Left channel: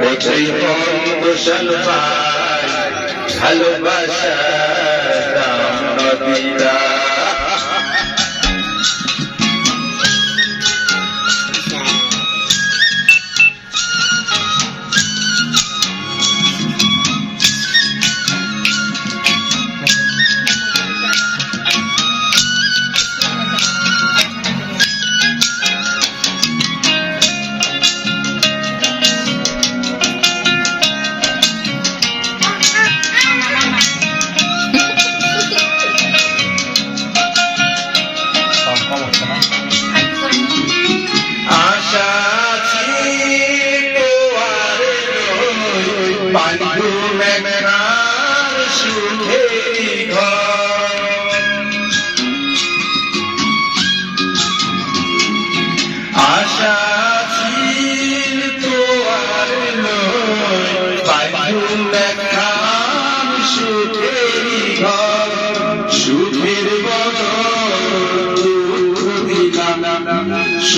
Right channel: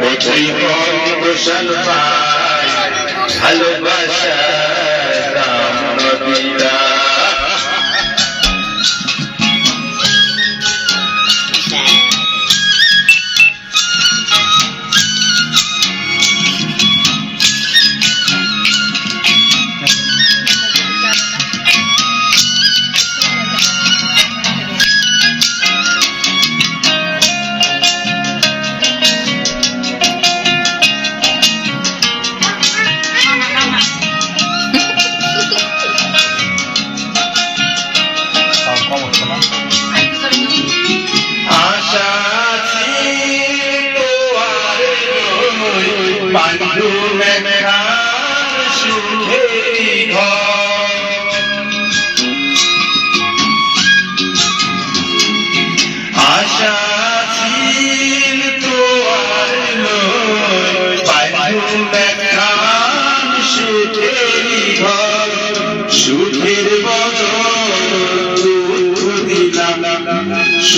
কোথায় পায় ভালোবাসা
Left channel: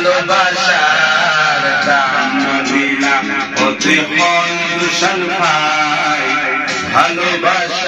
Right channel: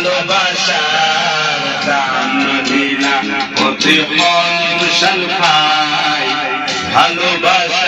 ভালোবাসার দাম দিলা হতে দূষণ পাই ভালোবাসার